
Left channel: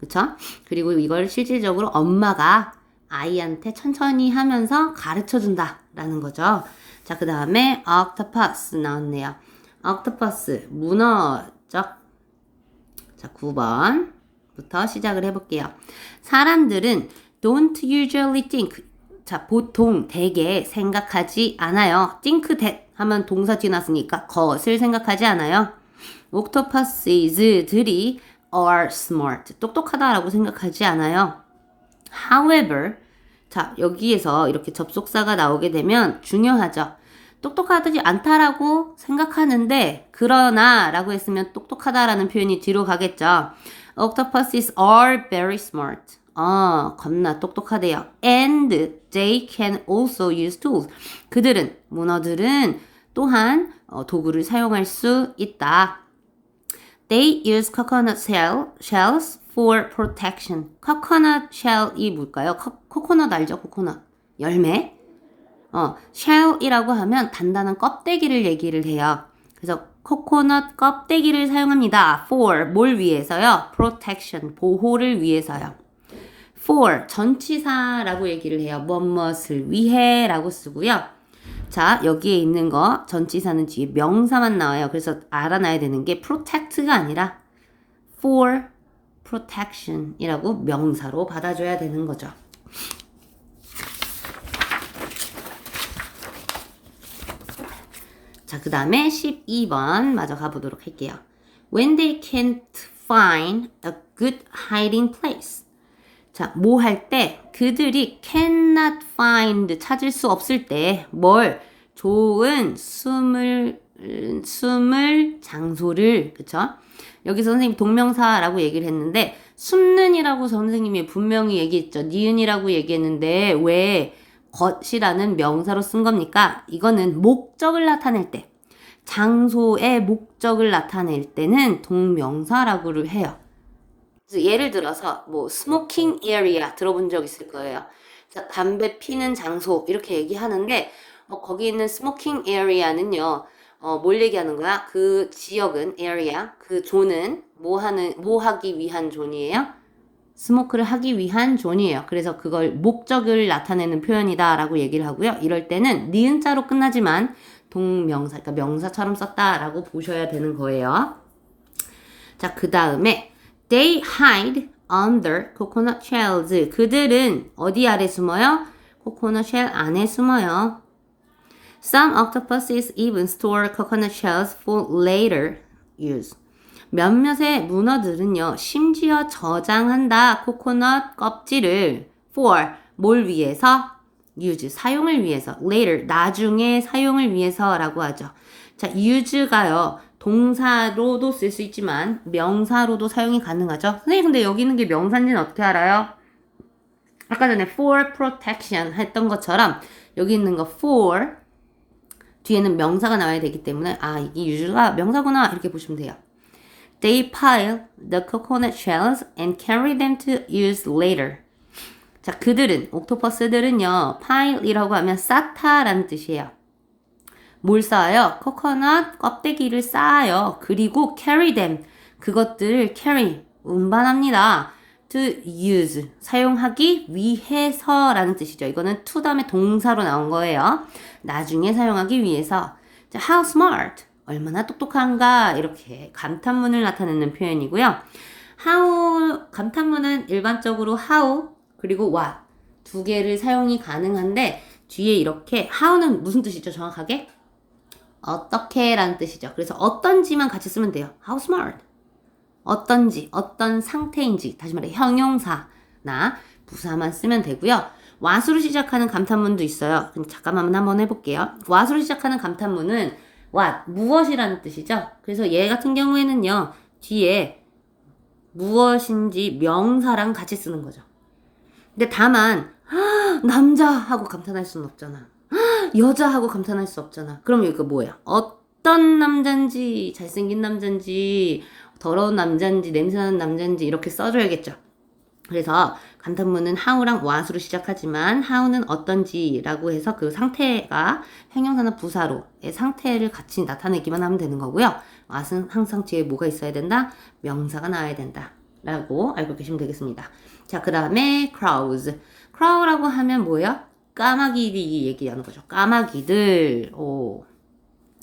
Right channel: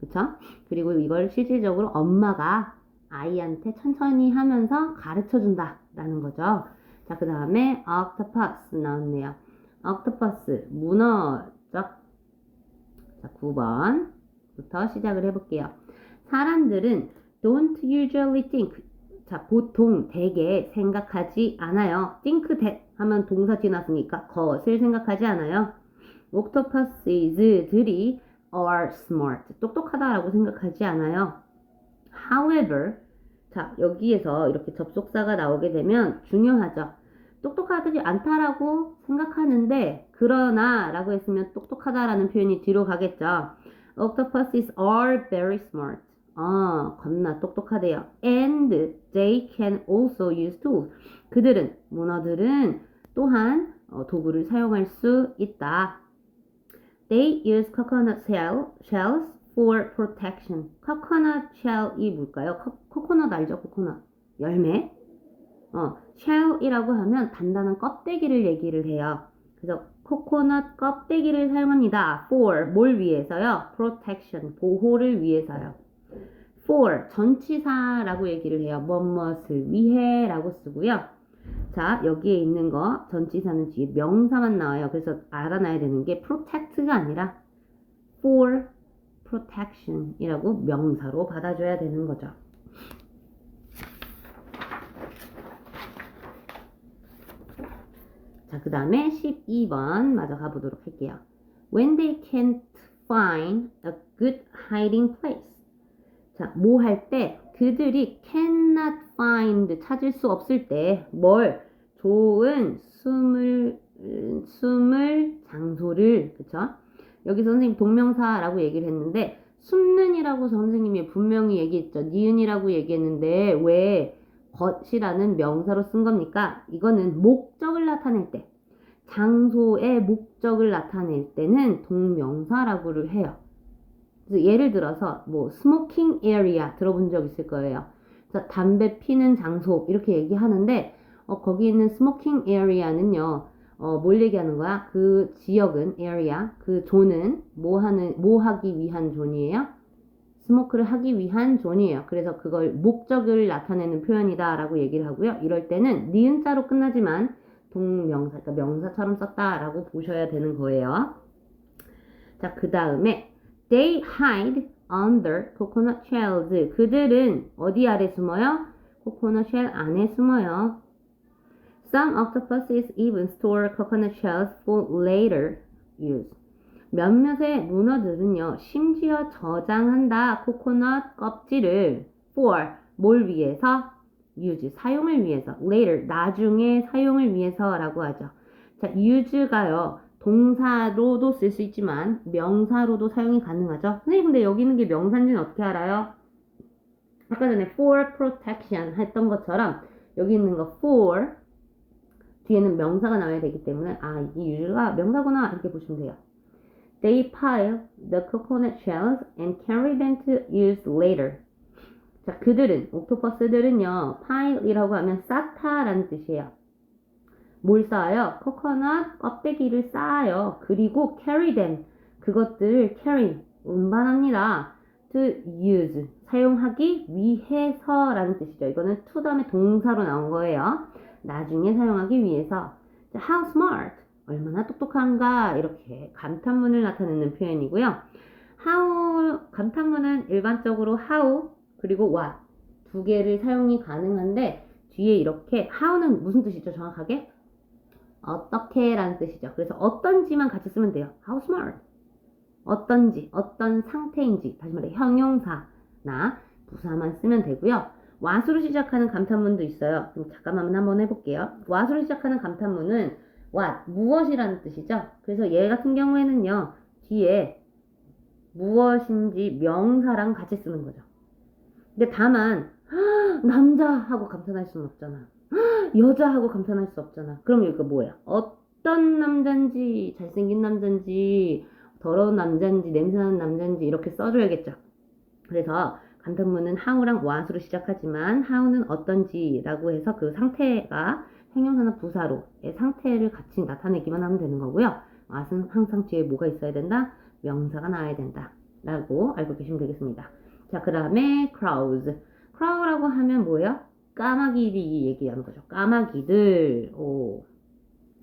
그쵸? 그리고 이걸 실질적으로 엄마가 아이한테 천천히 하면서 가르쳐 준다 라는 거죠. 자, 그 다음에 octopus 나왔네요. octopus, 문어죠. 자, 9번부터 시작을 해볼게요. 사람들은 don't usually think. 자, 보통 대개 생각하지 않아요. think that 하면 동사 지났으니까 것을 생각하지 않아요. octopus들이 are smart. 똑똑하다라고 생각하지 않아요. However, 자, 여기에서 이렇게 접속사가 나오게 되면 중요하죠. 똑똑하지 않다라고 생각하는데 그러나 라고 했으면 똑똑하다라는 표현이 뒤로 가겠죠. Octopuses are very smart. 겁나 똑똑하대요. And they can also use tools. 그들은, 문어들은 또한 도구를 사용할 수 있다. They use coconut shells for protection. coconut shell이 뭘까요? 코코넛 알죠? 코코넛. 열매. shell이라고 하면 단단한 껍데기를 얘기를 해요. 그래서 코코넛 껍데기를 사용합니다. for 뭘 위해서요? protection 보호를 위해서요. for 전치사라고 얘기를 해요. 무엇을 위해 라고 쓰고요. 자, 여기에 있는 거 전치사는 뒤에 명사만 나와요. 그래서 알아놔야 되는 게 protect가 아니라 for protection 이라고 명사로 받아줘야 되는 거죠. 자, 그 다음에 12번 마저 가보도록 할게요. When they can't find a good hiding place. 자, 뭐 할 때 그들이 cannot find 찾을 수 없을 때 뭘 좋은 숨을 장소를 그쵸? 여기서 선생님 동명사라고 얘기를 했는데 숨는이라고 선생님이 분명히 얘기했죠. 니은이라고 얘기했는데 왜 것이라는 명사로 쓴 겁니까? 이거는 목적을 나타낼 때 장소의 목적을 나타낼 때는 동명사라고 해요. 그래서 예를 들어서 뭐 스모킹 에리아 들어본 적 있을 거예요. 그래서 담배 피는 장소 이렇게 얘기하는데 거기 있는 스모킹 에리아는요. 뭘 얘기하는 거야? 그 지역은 에리아 그 존은 뭐 하기 위한 존이에요? 스모크를 하기 위한 존이에요. 그래서 그걸 목적을 나타내는 표현이다라고 얘기를 하고요. 이럴 때는 니은자로 끝나지만 동명사, 그러니까 명사처럼 썼다라고 보셔야 되는 거예요. 자, 그 다음에 They hide under coconut shells. 그들은 어디 아래 숨어요? 코코넛 쉘 안에 숨어요. Some octopuses even store coconut shells for later use. 몇몇의 문어들은요, 심지어 저장한다. 코코넛 껍질을 for 뭘 위해서? use 사용을 위해서. later 나중에 사용을 위해서라고 하죠. 자, use가요. 동사로도 쓸 수 있지만 명사로도 사용이 가능하죠. 선생님 근데 여기 있는 게 명사인지는 어떻게 알아요? 아까 전에 for protection 했던 것처럼 여기 있는 거 for 뒤에는 명사가 나와야 되기 때문에 아 이게 use가 명사구나 이렇게 보시면 돼요. They pile the coconut shells and carry them to use later. 자, 그들은 옥토퍼스들은요 pile이라고 하면 쌓다라는 뜻이에요. 뭘 쌓아요? 코코넛 껍데기를 쌓아요. 그리고 carry them 그것들을 carry 운반합니다. to use 사용하기 위해서라는 뜻이죠. 이거는 to 다음에 동사로 나온 거예요. 나중에 사용하기 위해서. 자, how smart 얼마나 똑똑한가 이렇게 감탄문을 나타내는 표현이고요. how 감탄문은 일반적으로 how 그리고 what 두 개를 사용이 가능한데 뒤에 이렇게 how는 무슨 뜻이죠? 정확하게? 어떻게 라는 뜻이죠. 그래서 어떤지만 같이 쓰면 돼요. How smart. 어떤지, 어떤 상태인지, 다시 말해 형용사나 부사만 쓰면 되고요. what으로 시작하는 감탄문도 있어요. 그럼 잠깐만 한번 해볼게요. what으로 시작하는 감탄문은 what, 무엇이라는 뜻이죠. 그래서 얘 같은 경우에는요. 뒤에 무엇인지 명사랑 같이 쓰는 거죠. 근데 다만 남자 하고 감탄할 수는 없잖아. 여자하고 감탄할 수 없잖아. 그럼 이거 뭐야? 어떤 남잔지, 잘생긴 남잔지, 더러운 남잔지, 냄새나는 남잔지 이렇게 써줘야겠죠. 그래서 감탄문은 how랑 what으로 시작하지만 how는 어떤지라고 해서 그 상태가 형용사나 부사로의 상태를 같이 나타내기만 하면 되는 거고요. what은 항상 뒤에 뭐가 있어야 된다? 명사가 나와야 된다. 라고 알고 계시면 되겠습니다. 자, 그 다음에 crows. crow라고 하면 뭐예요? 까마귀들이 얘기하는 거죠. 까마귀들. 오.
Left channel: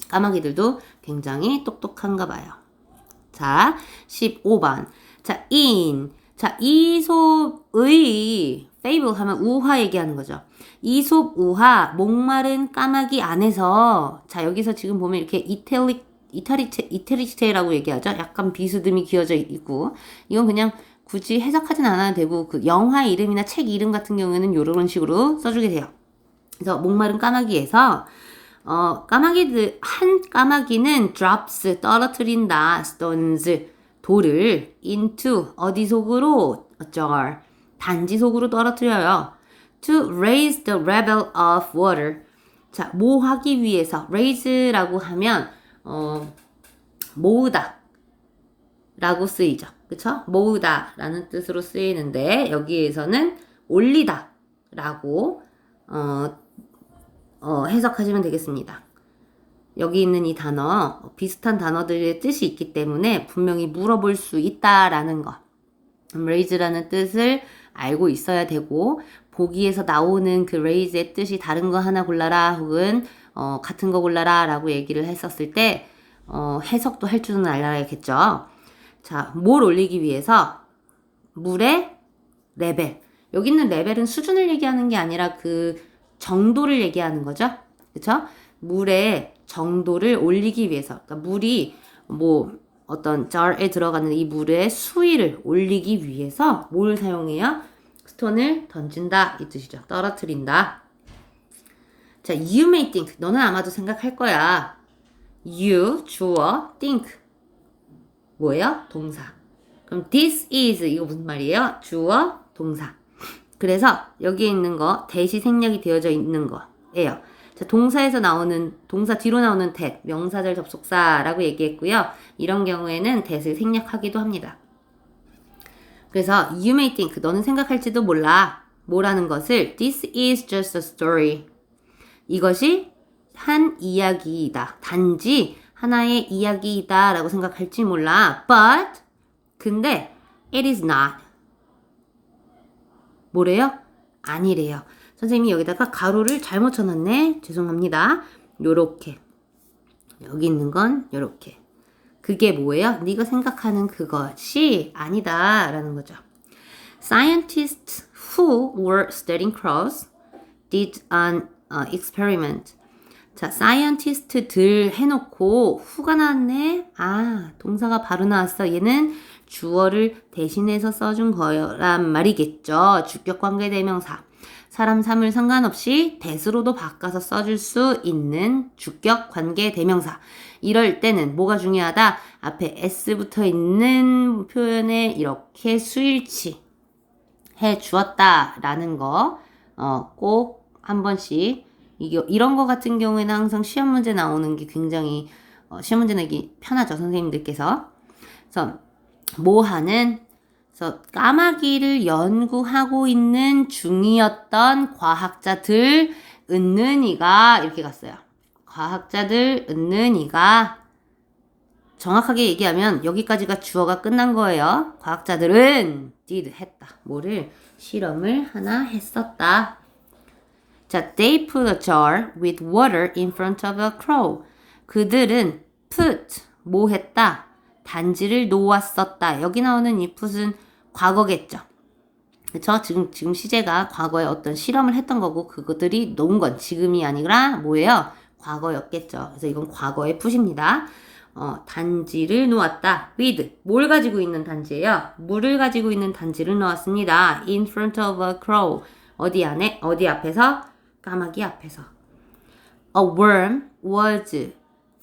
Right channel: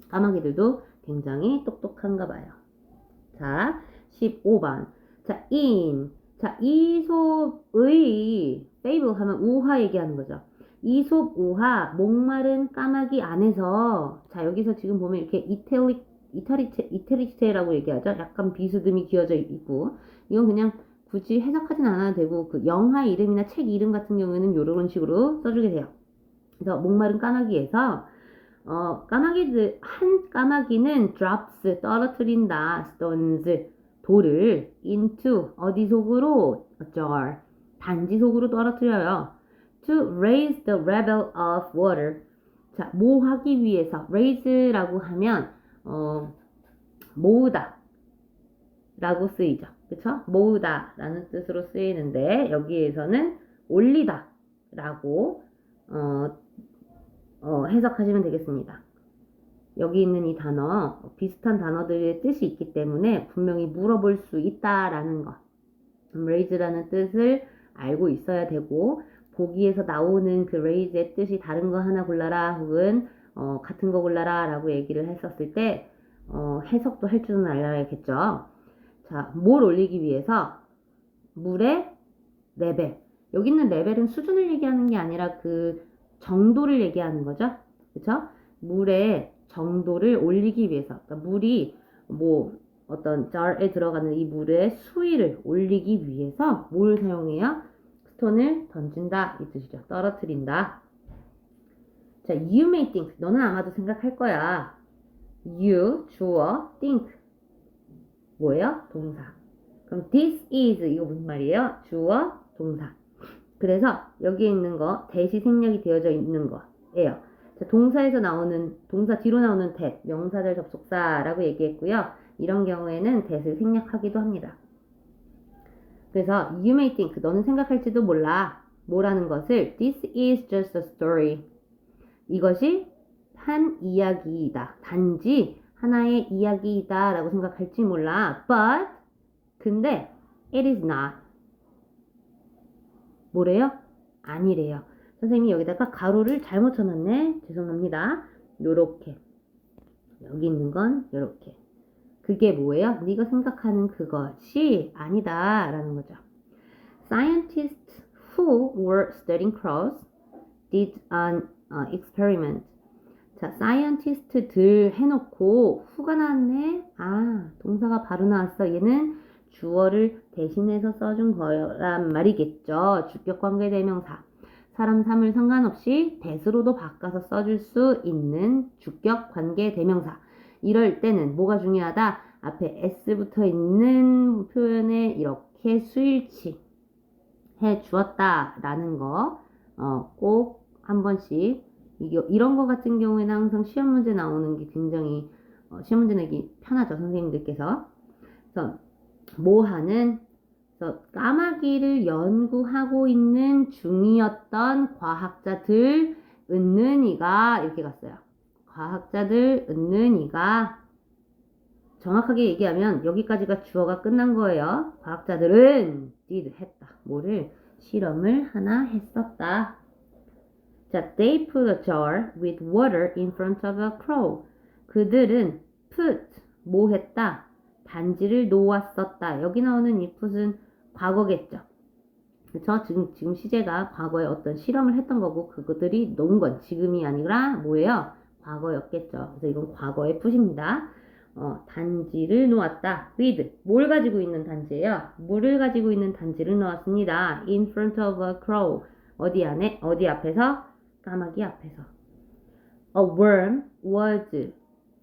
까마귀들도 굉장히 똑똑한가 봐요. 자, 15번. 자, in. 자, 이솝의 fable 하면 우화 얘기하는 거죠. 이솝 우화, 목마른 까마귀 안에서 자, 여기서 지금 보면 이렇게 이태리체라고 얘기하죠. 약간 비스듬히 기어져 있고 이건 그냥 굳이 해석하진 않아도 되고 그 영화 이름이나 책 이름 같은 경우에는 이런 식으로 써주게 돼요. 그래서 목마른 까마귀에서 까마귀들 한 까마귀는 drops 떨어뜨린다 stones 돌을 into 어디 속으로 a jar 단지 속으로 떨어뜨려요. to raise the level of water 자, 뭐 하기 위해서 raise라고 하면 모으다 라고 쓰이죠. 그쵸? 모으다 라는 뜻으로 쓰이는데 여기에서는 올리다 라고 해석하시면 되겠습니다. 여기 있는 이 단어 비슷한 단어들의 뜻이 있기 때문에 분명히 물어볼 수 있다라는 거 raise라는 뜻을 알고 있어야 되고 보기에서 나오는 그 raise의 뜻이 다른 거 하나 골라라 혹은 같은 거 골라라 라고 얘기를 했었을 때 해석도 할 줄은 알아야겠죠. 자, 뭘 올리기 위해서 물의 레벨 여기 있는 레벨은 수준을 얘기하는 게 아니라 그 정도를 얘기하는 거죠. 그쵸? 물의 정도를 올리기 위해서 그러니까 물이 뭐 어떤 jar에 들어가는 이 물의 수위를 올리기 위해서 뭘 사용해요? 스톤을 던진다 이 뜻이죠. 떨어뜨린다. 자, you may think 너는 아마도 생각할 거야. you 주어 think 뭐예요? 동사. 그럼 this is 이거 무슨 말이에요? 주어 동사. 그래서 여기에 있는 거 대시 생략이 되어져 있는 거예요. 자, 동사에서 나오는 동사 뒤로 나오는 that 명사절 접속사라고 얘기했고요. 이런 경우에는 that을 생략하기도 합니다. 그래서 you may think 너는 생각할지도 몰라. 뭐라는 것을 this is just a story. 이것이 한 이야기이다. 단지 하나의 이야기이다 라고 생각할지 몰라. But 근데 it is not. 뭐래요? 아니래요. 선생님이 여기다가 가로를 잘못 쳐놨네. 죄송합니다. 요렇게. 여기 있는 건 요렇게. 그게 뭐예요? 네가 생각하는 그것이 아니다 라는 거죠. Scientists who were studying crows did an experiment. 자, scientist들 해놓고 who가 나왔네. 아, 동사가 바로 나왔어. 얘는 주어를 대신해서 써준 거란 말이겠죠. 주격 관계 대명사. 사람 사물 상관없이 that으로도 바꿔서 써줄 수 있는 주격 관계 대명사. 이럴 때는 뭐가 중요하다? 앞에 s 붙어 있는 표현에 이렇게 수일치 해 주었다 라는 거 꼭 한 번씩 이런 거 같은 경우에는 항상 시험 문제 나오는 게 굉장히 시험 문제 내기 편하죠, 선생님들께서. 그래서 뭐 하는, 그래서 까마귀를 연구하고 있는 중이었던 과학자들 은는이가 이렇게 갔어요. 과학자들 은는이가, 정확하게 얘기하면 여기까지가 주어가 끝난 거예요. 과학자들은 did 했다. 뭐를? 실험을 하나 했었다. 자, they put a jar with water in front of a crow. 그들은 put 뭐 했다? 단지를 놓았었다. 여기 나오는 이 put은 과거겠죠. 그쵸? 지금 시제가 과거에 어떤 실험을 했던 거고 그것들이 놓은 건 지금이 아니라 뭐예요? 과거였겠죠. 그래서 이건 과거의 put입니다. 단지를 놓았다. with 뭘 가지고 있는 단지예요? 물을 가지고 있는 단지를 놓았습니다. in front of a crow. 어디 안에? 어디 앞에서? 까마귀 앞에서. A worm was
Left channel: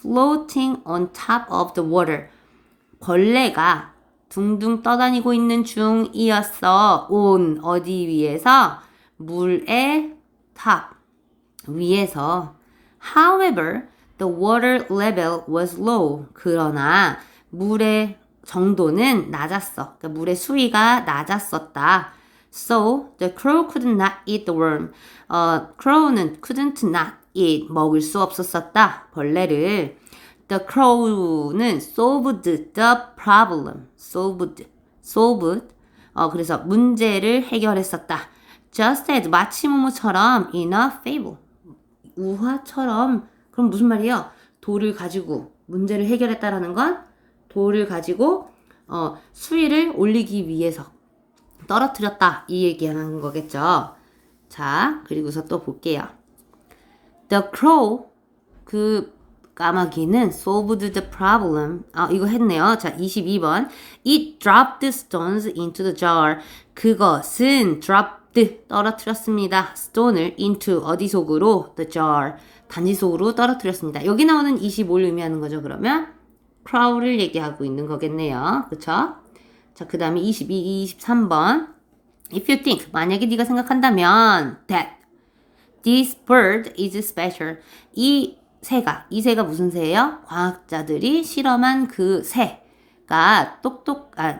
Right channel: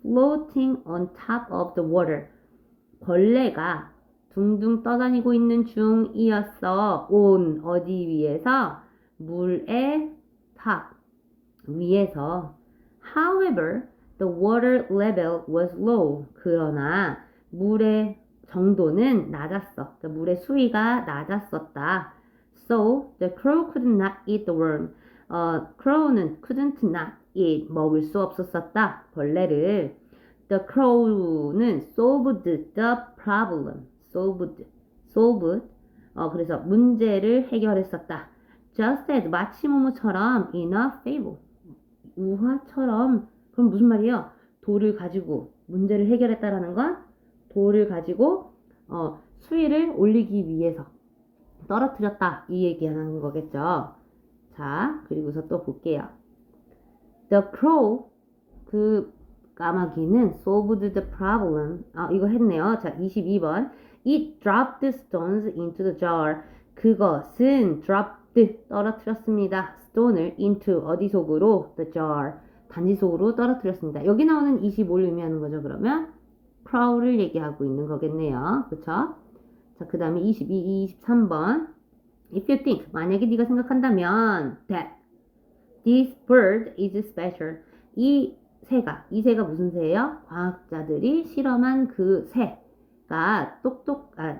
floating on top of the water. 벌레가 둥둥 떠다니고 있는 중이었어. on 어디 위에서? 물의 top 위에서. However, the water level was low. 그러나 물의 정도는 낮았어. 그러니까 물의 수위가 낮았었다. So the crow could not eat the worm. crow는 couldn't not eat 먹을 수 없었었다. 벌레를. The crow는 solved the problem. solved. 그래서 문제를 해결했었다. Just as 마치 뭐뭐처럼 in a fable. 우화처럼. 그럼 무슨 말이에요? 돌을 가지고 문제를 해결했다라는 건 돌을 가지고 수위를 올리기 위해서 떨어뜨렸다. 이 얘기하는 거겠죠. 자, 그리고서 또 볼게요. The crow, 그 까마귀는 solved the problem. 이거 했네요. 자, 22번. It dropped stones into the jar. 그것은 dropped, 떨어뜨렸습니다. stone을 into, 어디 속으로? The jar, 단지 속으로 떨어뜨렸습니다. 여기 나오는 25를 의미하는 거죠. 그러면 crow를 얘기하고 있는 거겠네요. 그쵸? 자, 그 다음에 22, 23번. If you think, 만약에 네가 생각한다면 that this bird is special. 이 새가 무슨 새예요? 과학자들이 실험한 그 새가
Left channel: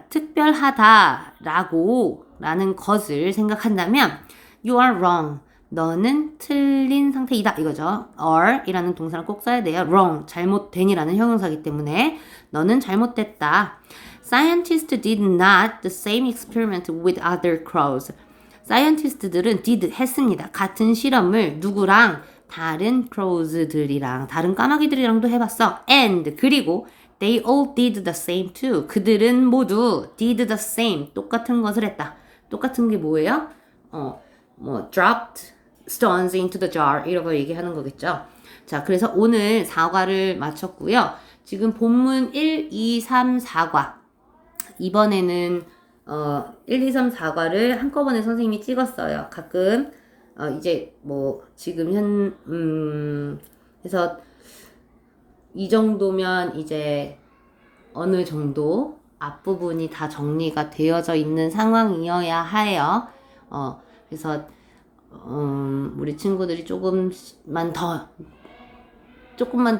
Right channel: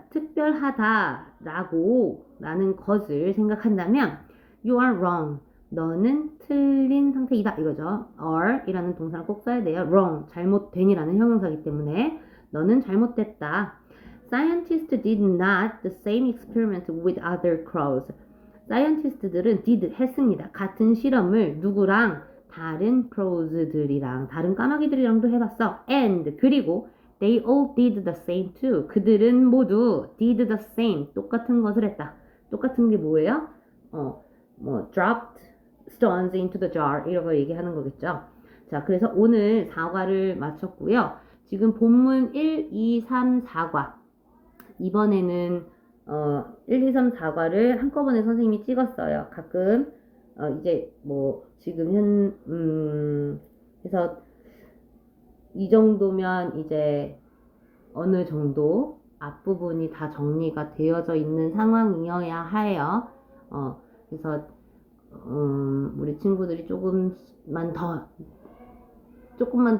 특별하다라고 라는 것을 생각한다면 you are wrong. 너는 틀린 상태이다 이거죠. are 이라는 동사를 꼭 써야 돼요. wrong, 잘못된이라는 형용사이기 때문에 너는 잘못됐다. Scientists did not the same experiment with other crows. 사이언티스트들은 did 했습니다. 같은 실험을 누구랑? 다른 crows들이랑, 다른 까마귀들이랑도 해봤어. And 그리고 they all did the same too. 그들은 모두 did the same, 똑같은 것을 했다. 똑같은 게 뭐예요? dropped stones into the jar 이라고 얘기하는 거겠죠. 자, 그래서 오늘 4과를 마쳤고요. 지금 본문 1, 2, 3, 4과 이번에는 1, 2, 3, 4과를 한꺼번에 선생님이 찍었어요. 가끔 이제 뭐 지금 그래서 이 정도면 이제 어느 정도 앞부분이 다 정리가 되어져 있는 상황이어야 해요. 그래서 우리 친구들이 조금만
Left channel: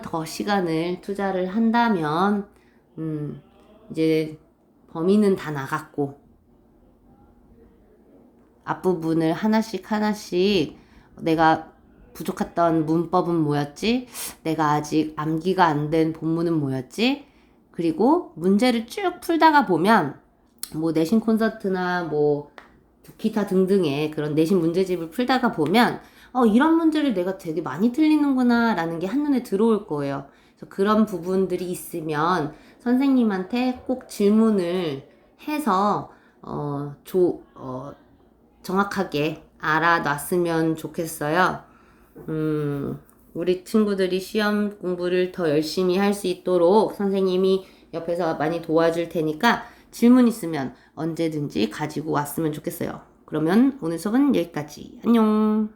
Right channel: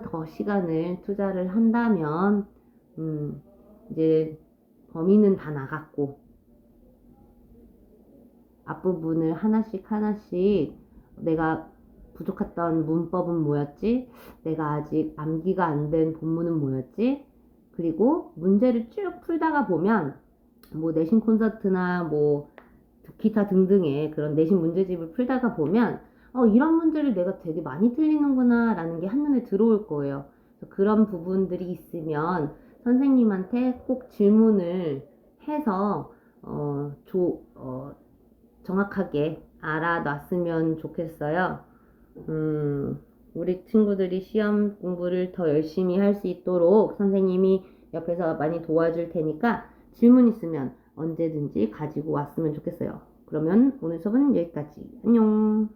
더 시간을 투자를 한다면 이제 범위는 다 나갔고 앞부분을 하나씩 내가 부족했던 문법은 뭐였지? 내가 아직 암기가 안 된 본문은 뭐였지? 그리고 문제를 쭉 풀다가 보면 뭐 내신 콘서트나 뭐 기타 등등의 그런 내신 문제집을 풀다가 보면 이런 문제를 내가 되게 많이 틀리는구나 라는 게 한눈에 들어올 거예요. 그래서 그런 부분들이 있으면 선생님한테 꼭 질문을 해서 정확하게 알아놨으면 좋겠어요. 우리 친구들이 시험 공부를 더 열심히 할 수 있도록 선생님이 옆에서 많이 도와줄 테니까 질문 있으면 언제든지 가지고 왔으면 좋겠어요. 그러면 오늘 수업은 여기까지. 안녕.